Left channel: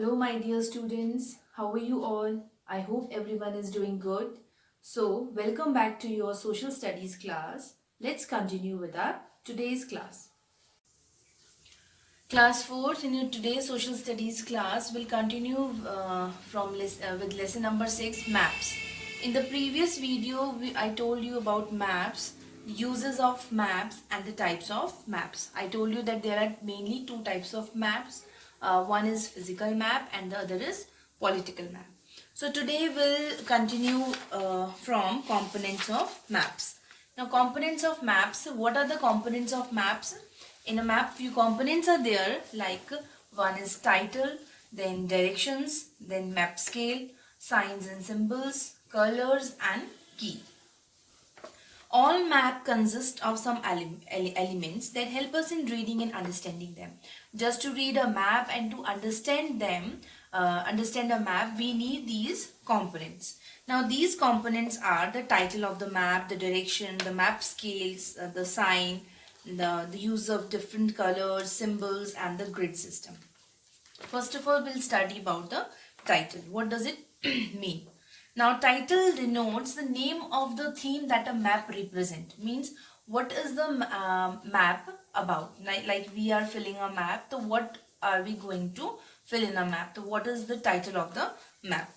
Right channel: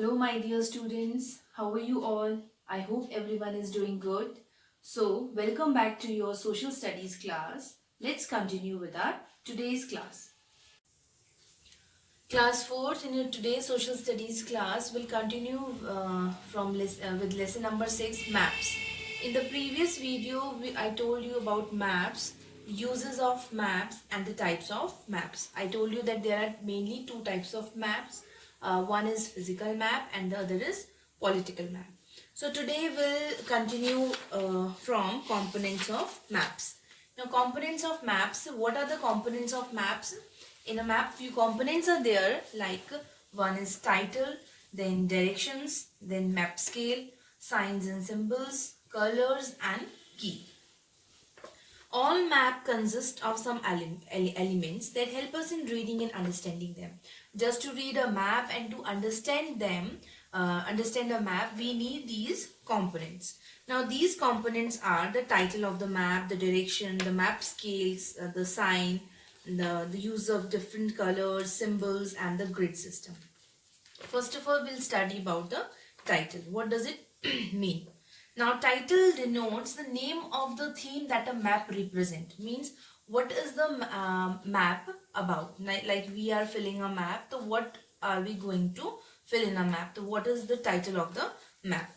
Hello, my dear students. How are you all? I hope everyone is doing good. So, welcome back to your social studies class. Let's continue with our today's class. Class 4th in your today's social studies class will continue with lesson number 6, maps. In the previous video, I told you about maps, uses of maps and the types of maps. I told you that there are mainly two types of maps. One is physical map and the other is political map. So today we'll continue from components of maps. Now components of maps, what are the components of maps? In a map, few components are there, like one is title, then directions, then map scale, signs and symbols, colors and key. All map consist of some elements that help us in reading and understanding them. Just to read a map and to understand them, understand a map, we need these components. Now these components are the title of the map, the direction, the map scales, the sign, the use of different colors, symbols and the grid system. First of all, we'll study about the title. What does it mean? Now, title denotes the name of the theme that a map represents. Means, what is the map about? Like we are filling a map. So, what are we going to fill in a map? So, what is the title of the map?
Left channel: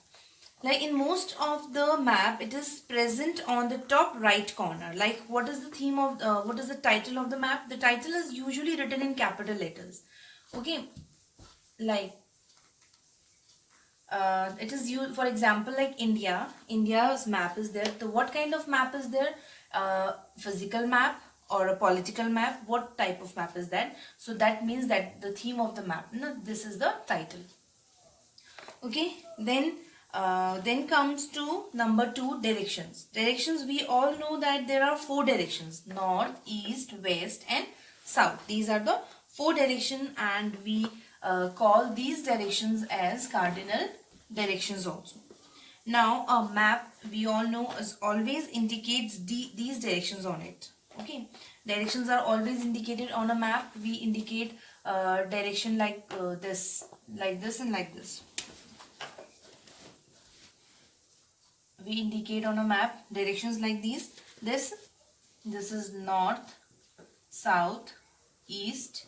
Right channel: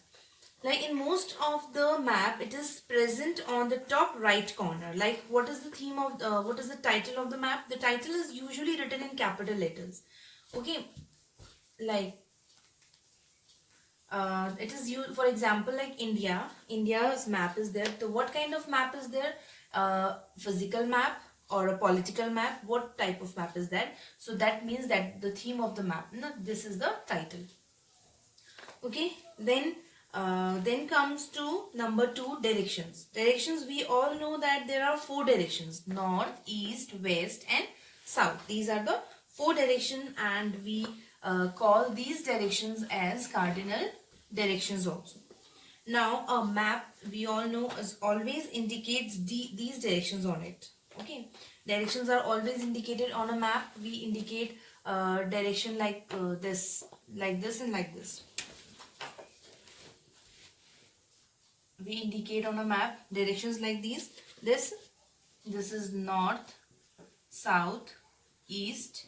Like in most of the map, it is present on the top right corner. Like what is the theme of, what is the title of the map? The title is usually written in capital letters. Okay, like it is used, for example, like India's map is there. So what kind of map is there? Physical map or a political map? What type of map is that? So that means that the theme of the map, no, this is the title. Okay, then comes to number 2, directions. Directions, we all know that there are 4 directions: north, east, west and south. These are the 4 directions, and we call these directions as cardinal directions also. Now a map, we all know, is always indicates these directions on it. Okay, directions are always indicated on a map. We indicate direction like this and like this. We indicate on a map directions like these. This is north, south, east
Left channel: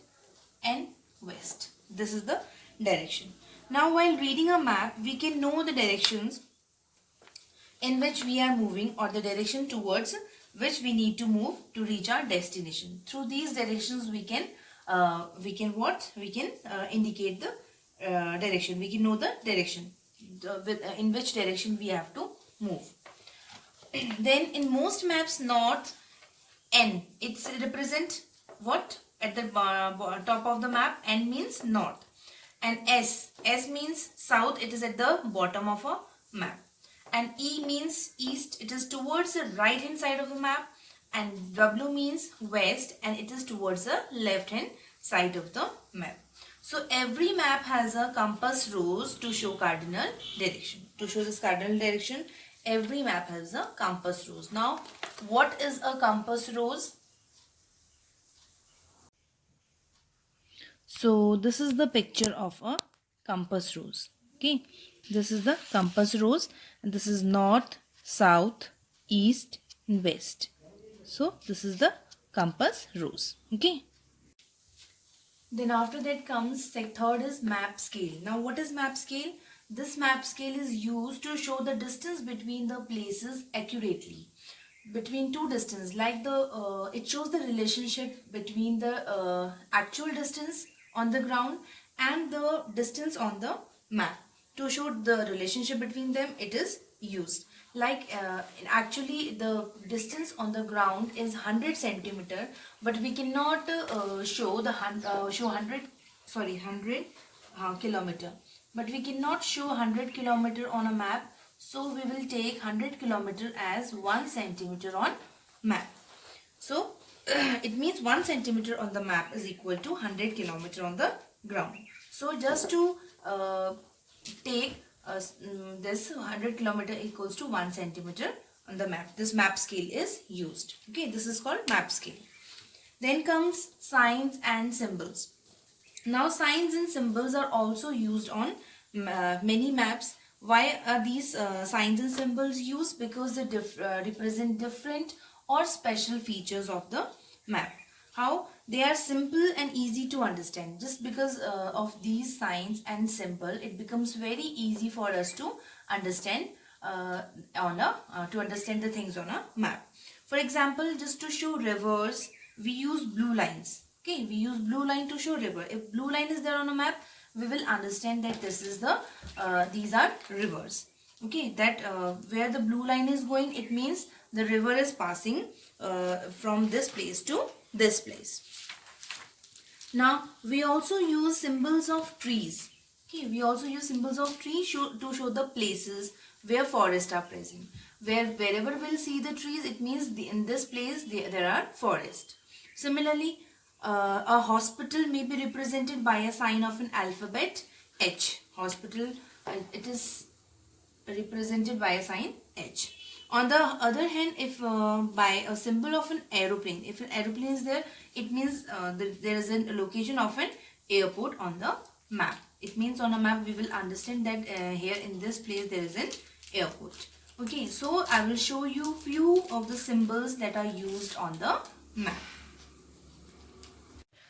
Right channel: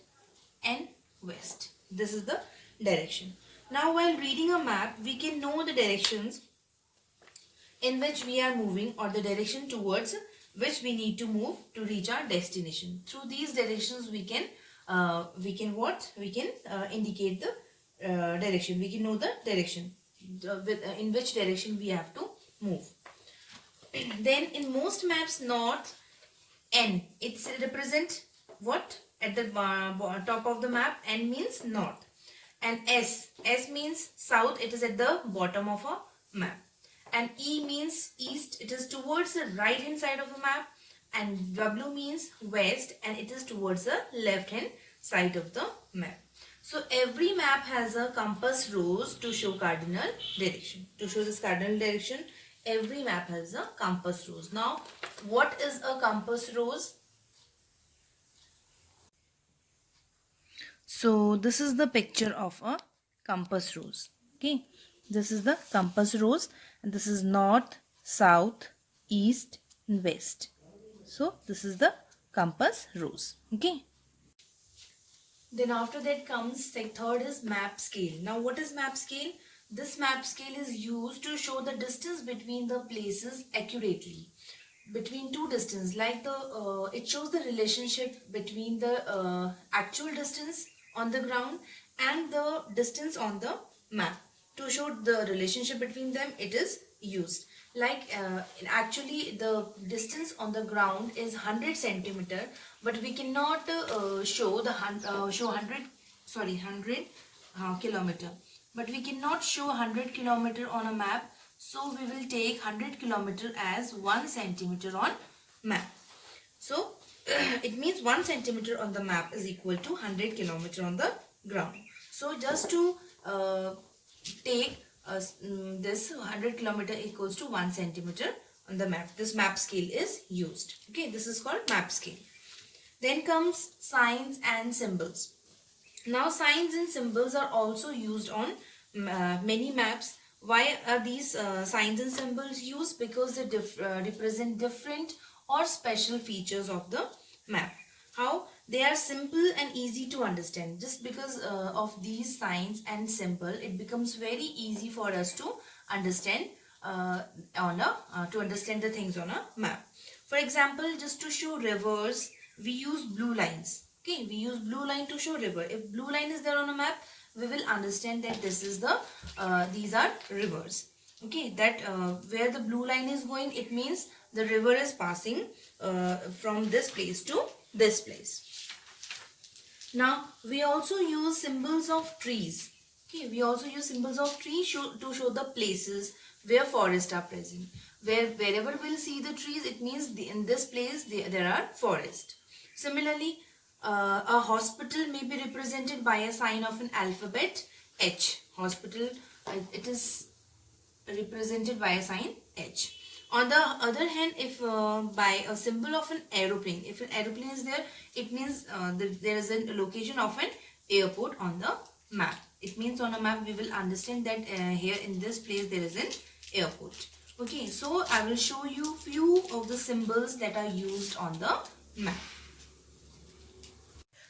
and west. This is the direction. Now while reading a map, we can know the directions in which we are moving, or the direction towards which we need to move to reach our destination. Through these directions we can indicate the direction. We can know the direction in which direction we have to move. Then in most maps, north N, it's represent what at the top of the map. N means north, and S means south, it is at the bottom of a map, and E means east, it is towards the right hand side of the map, and W means west, and it is towards the left hand side of the map. So every map has a compass rose to show cardinal direction. To show this cardinal direction, every map has a compass rose. Now, what is a compass rose? So this is the picture of a compass rose. Okay, this is the compass rose, and this is north, south, east and west. So this is the compass rose. Okay. Then after that comes third is map scale. Now what is map scale? This map scale is used to show the distance between the places accurately. Between two distance, like it shows the relationship between the actual distance on the ground and the distance on the map. To show the relationship between them, it is used. Like actually the distance on the ground is 100 centimeter, but we cannot show 100 kilometer, but we cannot show 100 kilometer on a map. So we will take 100 kilometer as 1 centimeter on map. So it means 1 centimeter on the map is equal to 100 kilometer on the ground. So just to take this 100 kilometer equals to 1 centimeter on the map. This map scale is used. Okay, this is called map scale. Then comes signs and symbols. Now signs and symbols are also used on many maps. Why are these signs and symbols used? Because they represent different or special features of the map. How? They are simple and easy to understand. Just because of these signs and symbol, it becomes very easy for us to understand to understand the things on a map. For example, just to show rivers, we use blue lines. Okay, we use blue line to show river. If blue line is there on a map, we will understand that this is the these are rivers. Okay, that where the blue line is going, it means the river is passing from this place to this place. Now we also use symbols of trees. Okay, we also use symbols of trees to show the places where forests are present. Wherever we'll see the trees, it means in this place there are forests. Similarly, a hospital may be represented by a sign of an alphabet H. Hospital, it is represented by a sign H. On the other hand, if by a symbol of an aeroplane, if an aeroplane is there, it means there is a location of an airport on the map. It means on a map we will understand that here in this place there is an airport. Okay, so I will show you few of the symbols that are used on the map.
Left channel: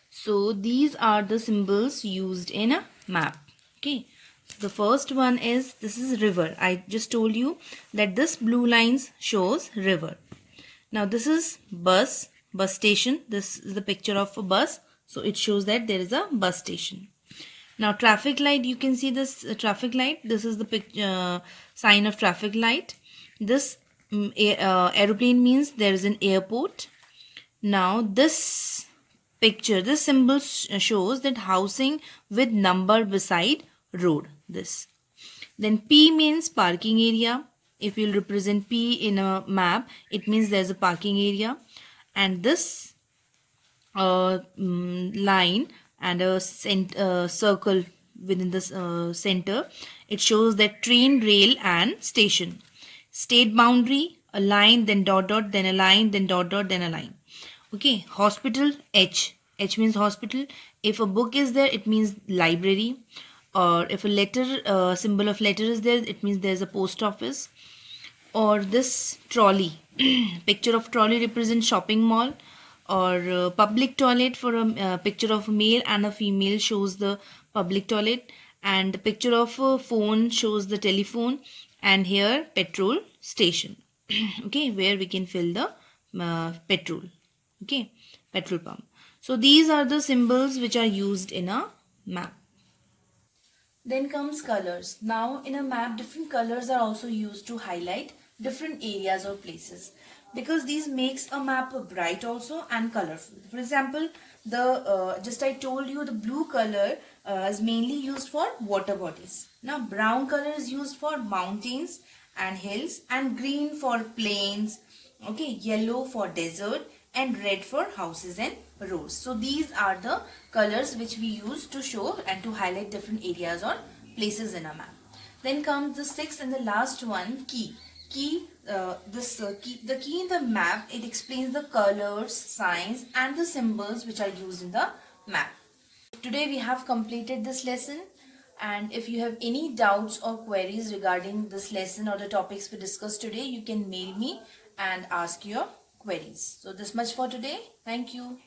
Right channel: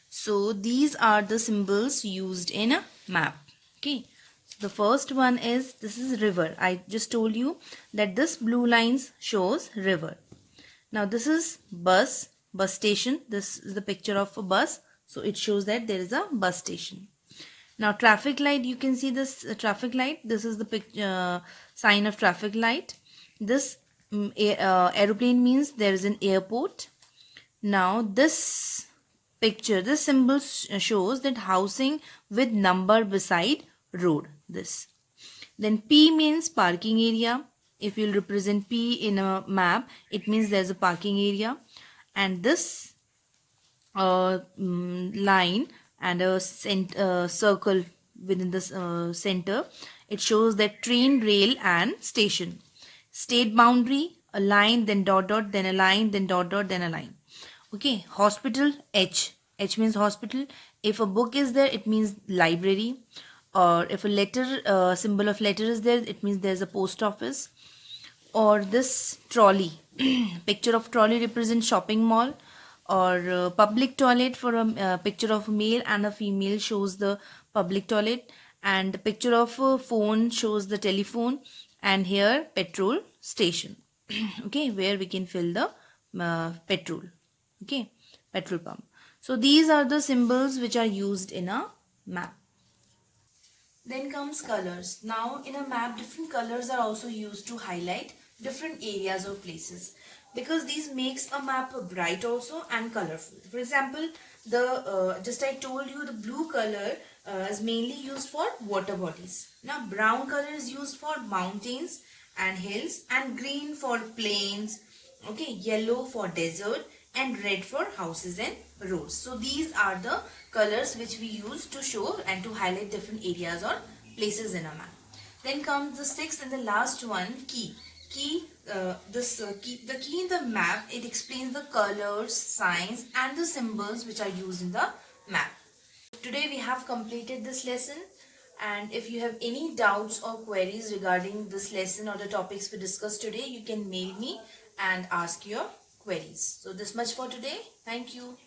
So these are the symbols used in a map. Okay. The first one is, this is river. I just told you that this blue lines shows river. Now this is bus station. This is the picture of a bus. So it shows that there is a bus station. Now traffic light, you can see this traffic light. This is the sign of traffic light. This aeroplane means there is an airport. Now this picture, this symbol shows that housing with number beside road. This. Then P means parking area. If you'll represent P in a map, it means there's a parking area. And this line and a circle within this center, it shows that train, rail and station. State boundary, a line, then dot dot, then a line, then dot dot, then a line. Okay, hospital, H. H means hospital. If a book is there, it means library. Or if a letter, symbol of letter is there, it means there's a post office. Or this trolley, picture of trolley represents shopping mall. Or public toilet, for a picture of a male and a female shows the public toilet. And the picture of a phone shows the telephone. And here petrol station. Okay, where we can fill the petrol. Okay, petrol pump. So these are the symbols which are used in a map. Then comes colors. Now in a map, different colors are also used to highlight different areas or places, because these makes a map bright also and colorful. For example, the just I told you the blue color is mainly used for water bodies. Now brown color is used for mountains and hills, and green for plains. Okay, yellow for desert, and red for houses and roads. So these are the colors which we use to show and to highlight different areas or places in a map. Then comes the sixth and the last one, key. The key in the map, it explains the colors, signs and the symbols which are used in the map. Today we have completed this lesson, and if you have any doubts or queries regarding this lesson or the topics we discussed today, you can mail me and ask your queries. So this much for today. Thank you.